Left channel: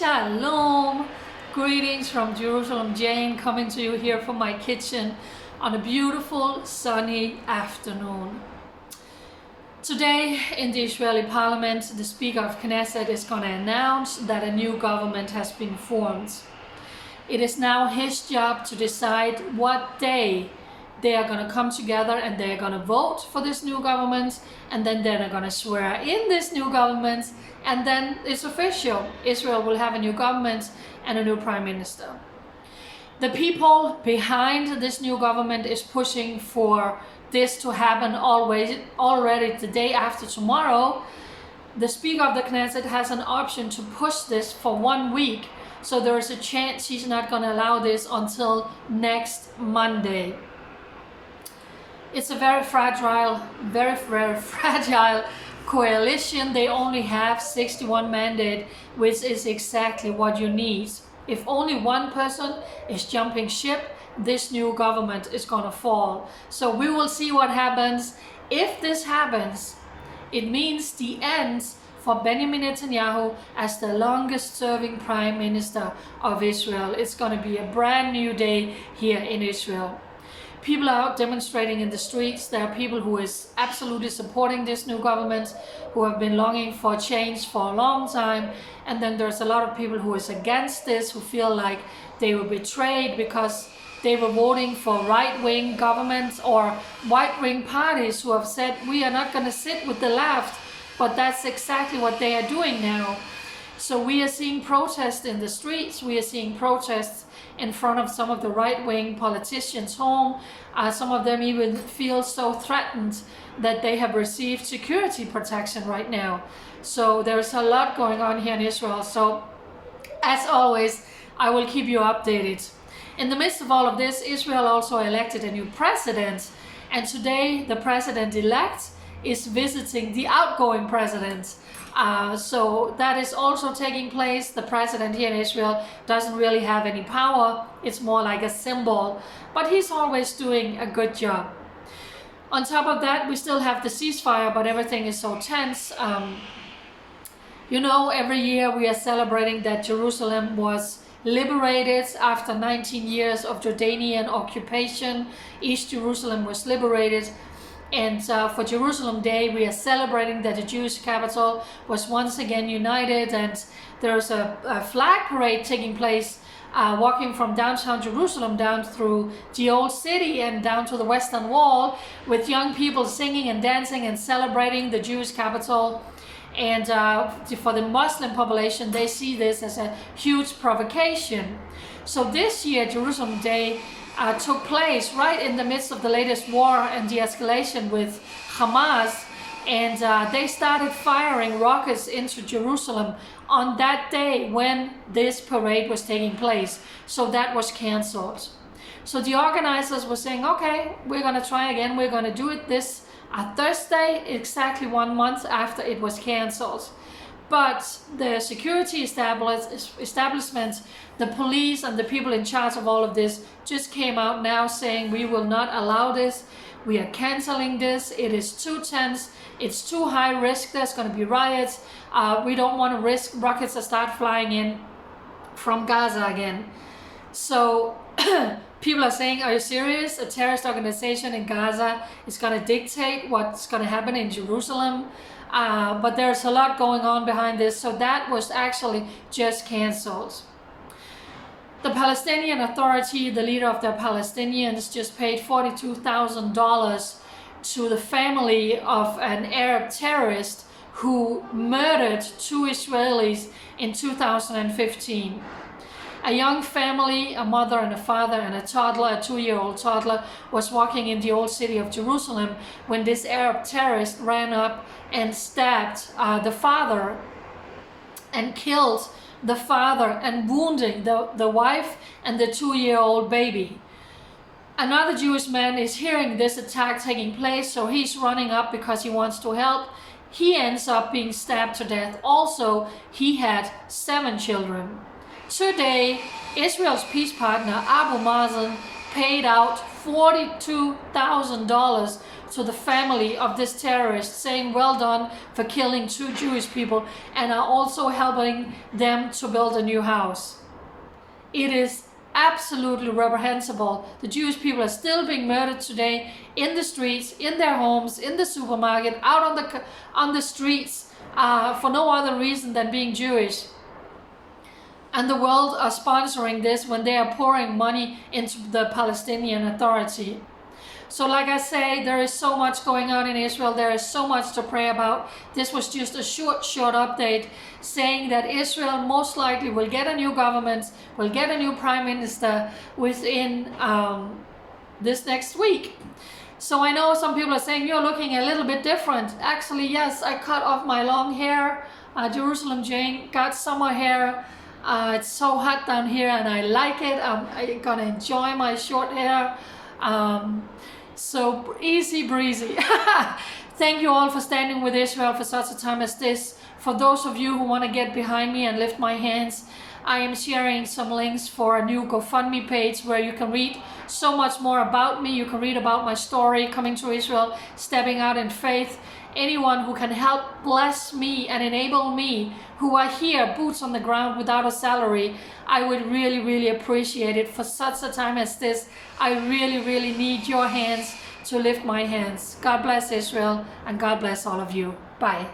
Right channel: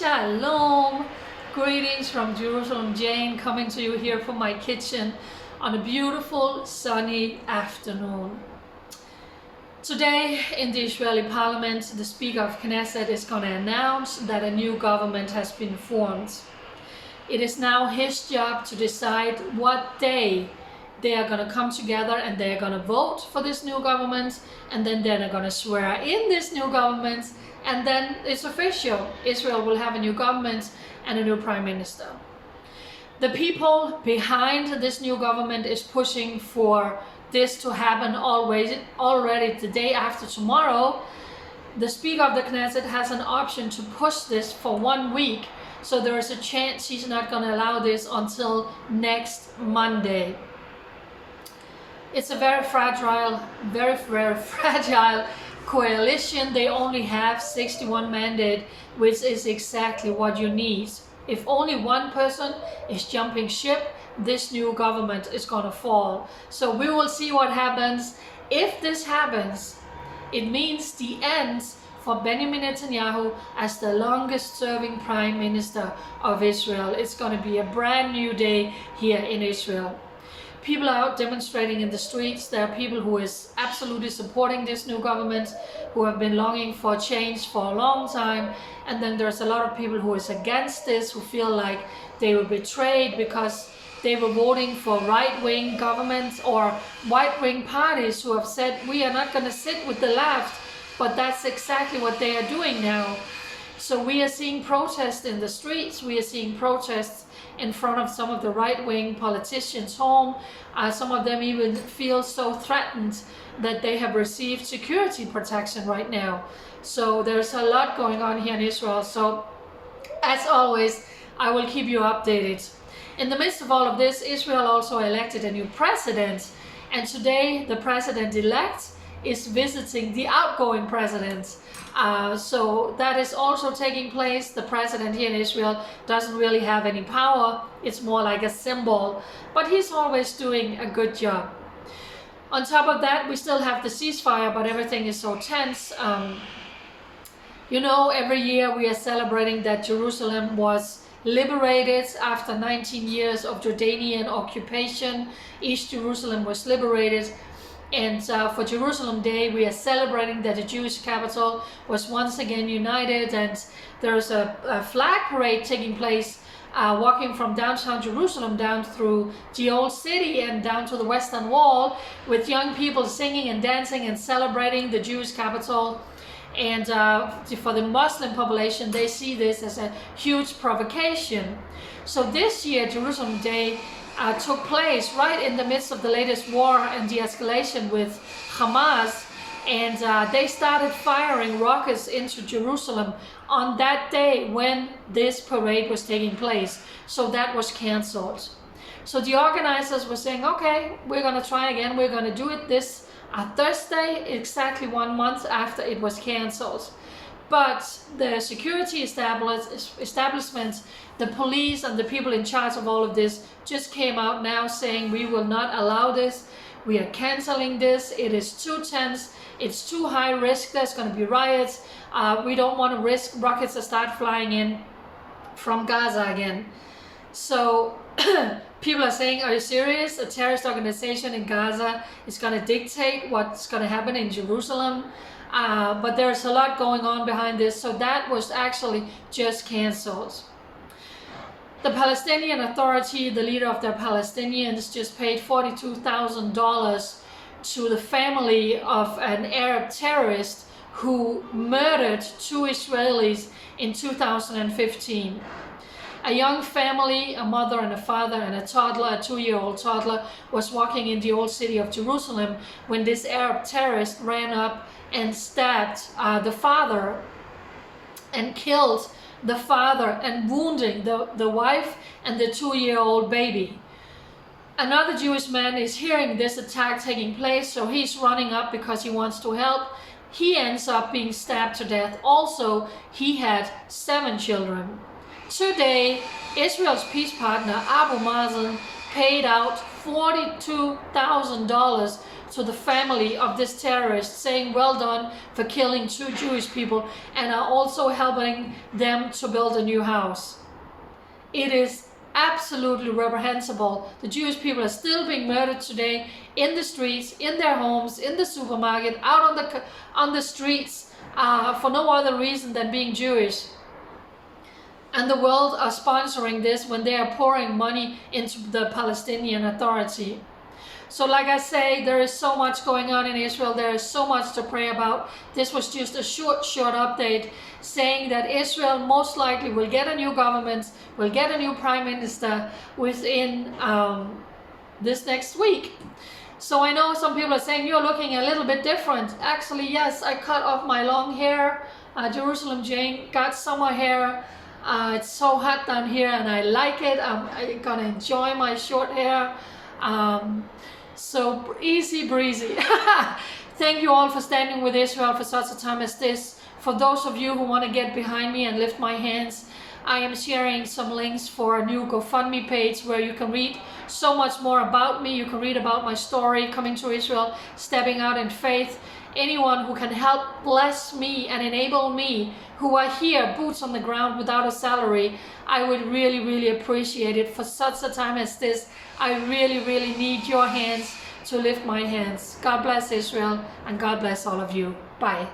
Shalom! Greetings from Jerusalem. Jane coming to you here from my kitchen on a beautiful sunny afternoon. Today in the Israeli parliament, the Speaker of Knesset is going to announce that a new government has been formed. It is now his job to decide what day they are going to come together and they are going to vote for this new government, and then they're going to swear in this new government, and then it's official. Israel will have a new government and a new prime minister. The people behind this new government is pushing for this to happen already the day after tomorrow. The Speaker of the Knesset has an option to push this for 1 week, so there is a chance he's not going to allow this until next Monday. It's a very fragile coalition. They only have 61 mandates, which is exactly what you need. If only one person is jumping ship, this new government is going to fall. So we will see what happens. If this happens, it means the end for Benjamin Netanyahu as the longest serving prime minister of Israel. It's going to be a brand new day here in Israel. People are out demonstrating in the streets. There are people who is absolutely supporting this new government, who have been longing for change for a long time. And then there's a lot of people who is against this, who feel like they were betrayed because they were voting for right-wing governments or right-wing parties who have said, we are not going to sit with the left. But that's exactly what they are doing now. So we are seeing protests in the streets. We are seeing protests in front of some of the right-wing politicians' home. Some of them even feel so threatened that they have received security protection right now. So there's a lot going on here in Israel. So as always, I will keep you updated. In the midst of all of this, Israel also elected a new president. And today the president-elect is visiting the outgoing president. So that is also taking place. The president here in Israel doesn't really have any power. It's more like a symbol, but he's always doing a good job. On top of that, we still have the ceasefire, but everything is so tense. Every year we are celebrating that Jerusalem was liberated after 19 years of Jordanian occupation. East Jerusalem was liberated. And for Jerusalem Day, we are celebrating that the Jewish capital was once again united, and there's a flag parade taking place, walking from downtown Jerusalem down through the old city and down to the Western Wall, with young people singing and dancing and celebrating the Jewish capital. And for the Muslim population, they see this as a huge provocation. So this year, Jerusalem Day took place right in the midst of the latest war and de-escalation with Hamas, and they started firing rockets into Jerusalem on that day when this parade was taking place. So that was cancelled. So the organizers were saying, okay, we're going to try again. We're going to do it this Thursday, exactly 1 month after it was cancelled. But the security establishment, the police and the people in charge of all of this just came out now saying, we will not allow this. We are canceling this. It is too tense. It's too high risk. There's going to be riots. We don't want to risk rockets to start flying in from Gaza again. So people are saying, are you serious? A terrorist organization in Gaza is going to dictate what's going to happen in Jerusalem? But there's a lot going on behind this. So that was actually just cancelled. The Palestinian Authority, the leader of the Palestinians, just paid $42,000 to the family of an Arab terrorist who murdered 2 Israelis in 2015. A young family, a mother and a father and a toddler, a 2-year-old toddler, was walking in the old city of Jerusalem when this Arab terrorist ran up and stabbed the father and killed the father and wounding the wife and the 2-year-old baby. Another Jewish man is hearing this attack taking place, so he's running up because he wants to help. He ends up being stabbed to death. Also, he had 7 children. Today, Israel's peace partner Abu Mazen paid out $42,000 to the family of this terrorist, saying well done for killing 2 Jewish people, and are also helping them to build a new house. It is absolutely reprehensible. The Jewish people are still being murdered today in the streets, in their homes, in the supermarket, out on the streets, for no other reason than being Jewish. And the world are sponsoring this when they are pouring money into the Palestinian Authority. So like I say, there is so much going on in Israel. There is so much to pray about. This was just a short update saying that Israel most likely will get a new government, will get a new prime minister within this next week. So I know some people are saying you're looking a little bit different. Actually, yes, I cut off my long hair. Jerusalem Jane got summer hair. It's so hot down here and I like it. I'm gonna enjoy my short hair. So easy breezy. Thank you all for standing with Israel for such a time as this. For those of you who want to get behind me and lift my hands, I am sharing some links for a new GoFundMe page where you can read so much more about me. You can read about my story, coming to Israel, stepping out in faith. Anyone who can help bless me and enable me, who are here, boots on the ground without a salary, I would really, really appreciate it. For such a time as this, I really, really need your hands to lift my hands. God bless Israel, and God bless all of you. Bye.